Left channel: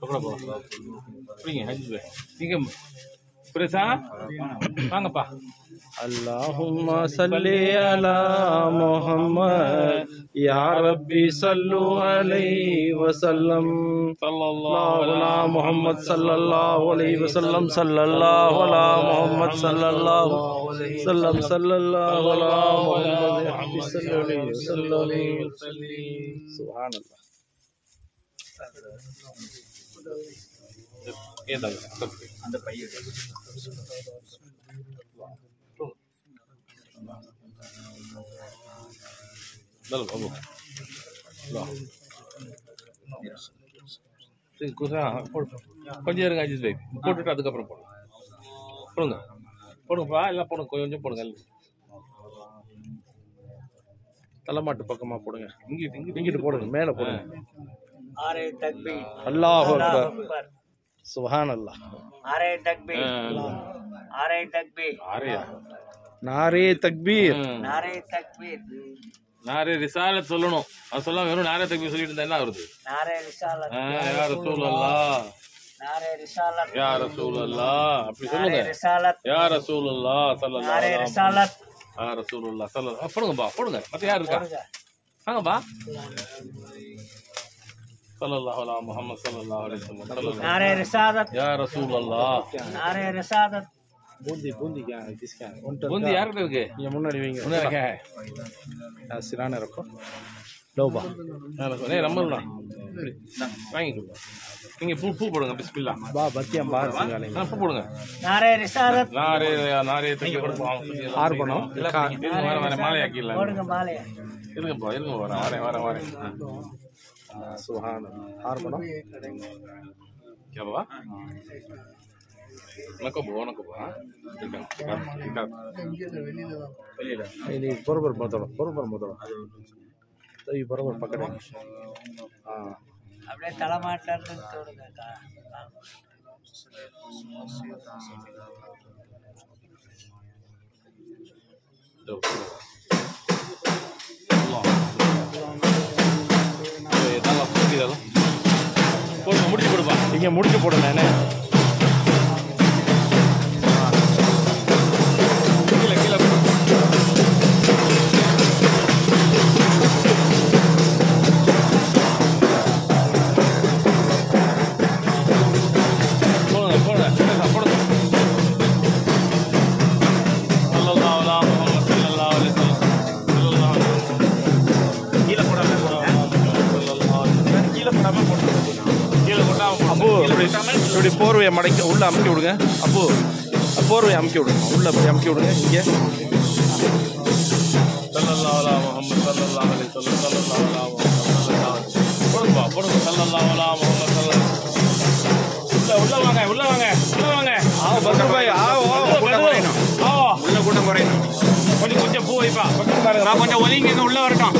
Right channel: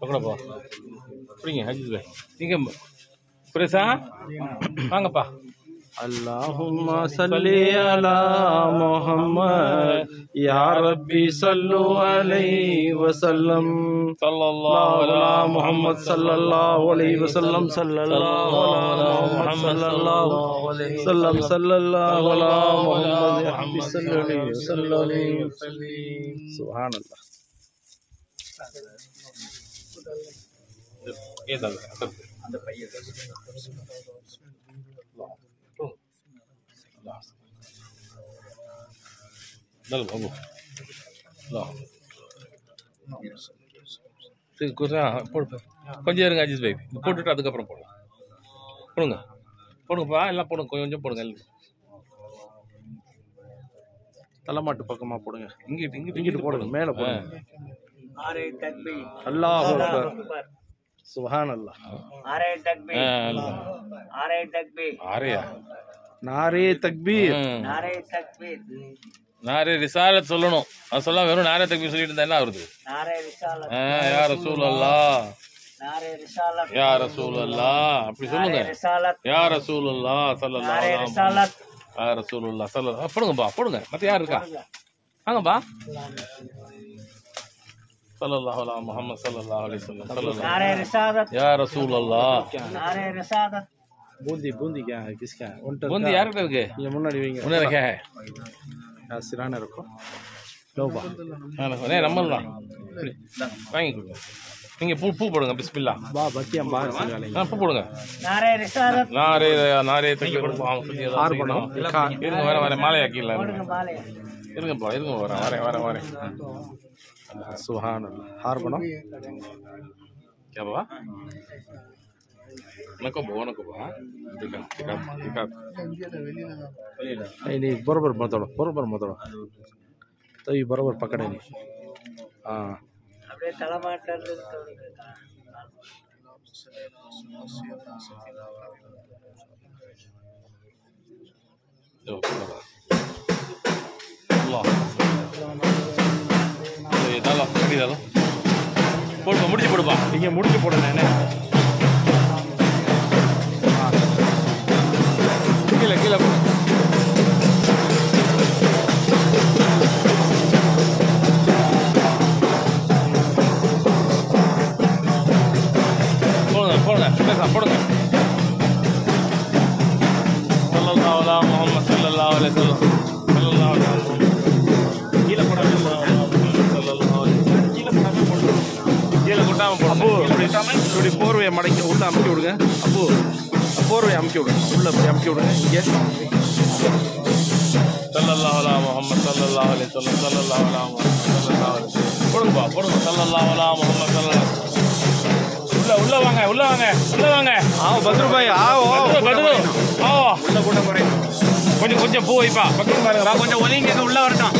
பக்கடப்பா புரியுங்க ஹஜ்ஜி பாய் நீங்கள் புரேசா வாங்கப்பா. அல்லாஹும்ம ஸல்லி அலா முஹம்மத் யா ரப்பி ஸல்லு அலைஹி வஸல்லம் ஸல்லல்லாஹு அலா முஹம்மத் ஸல்லல்லாஹு அலைஹி வஸல்லம் ஸல்லல்லாஹு அலா முஹம்மத் ஸல்லல்லாஹு அலைஹி வஸல்லம் ஸல்லல்லாஹு அலா முஹம்மத் ஸல்லல்லாஹு அலைஹி வஸல்லம். சுப்ஹானல்லாஹ். அந்த பையன் கொஞ்சம் இருங்க அஜித் பாய் போட்டுட்டு அதுக்கப்புறம் போடலாம். போடுங்க போடுங்கப்பா எல்லாம் போடுங்க கொஞ்சம் போடுங்க. தலைமாட்டு பக்கமா போடுங்க. இங்கிட்டு இங்கிட்டு போடுங்க. மேலே போடுங்க. அல்லாஹு அக்பர். சுப்ஹானல்லாஹ். ஆரே நாரே தக்பீர். நாரே ரிசாலத் சொல்லணும். அது சொல்லாம வெறும் நாரே தக்பீர் சொல்லிட்டு இருந்தா என்ன வருது? யா ரசூலல்லாஹ் யா ரசூலல்லாஹ் அப்படி சொல்லுங்க. யா ரசூலல்லாஹ் ஸல்லல்லாஹு அலைஹி வஸல்லம் யா ரசூலுல்லாஹ் ஸல்லல்லாஹு போடுங்கப்பா போடுங்க. மத்த யார் இருக்கா? வாங்கப்பா. ஸல்லல்லாஹு அலா முஹம்மத் ஸல்லல்லாஹு அலைஹி வஸல்லம் நாரே ரிசாலத் யா ரசூலல்லாஹ் நாரே ரிசாலத். बूंदी बूंदी क्या है किसका है? बूंदी यार करके ये मुन्ना डिविंग उन्हें रखा है यार सिराने रखो लो बा नहीं रमल ना वांगी को நீங்க பூ போடுங்க. பிஸ்மில்லாஹ் बा बच्चे हम बाहर से डालेंगे. பூ போடுங்க. நாரே ரிசாலத் நாரே தக்பீர் हार बनाओ. இருங்க வர மாலை ஆக்கிடல. இருங்க வர सुभान अल्लाह. हार बनाओ. क्या बाबा नको बा नहीं बरोबर मत दौड़ो तो ये बरोबर पकड़े नहीं. हाँ அப்படியே தலைமாட்டல முடிச்சு போடுப்பா. நீங்க முடிச்சு போடு. நானே போர்வையை மடக்கி உள்ள அமுக்கி விடுங்க. அப்போ போர்வையை அமுக்கி விடுங்க. உள்ள போய் அமுக்கி விடுங்க. இங்கே பத்ரு பாய் கொஞ்சம் பூ வைப்பா. கொஞ்சம் ஒலிங்க உள்ள வரட்டும்.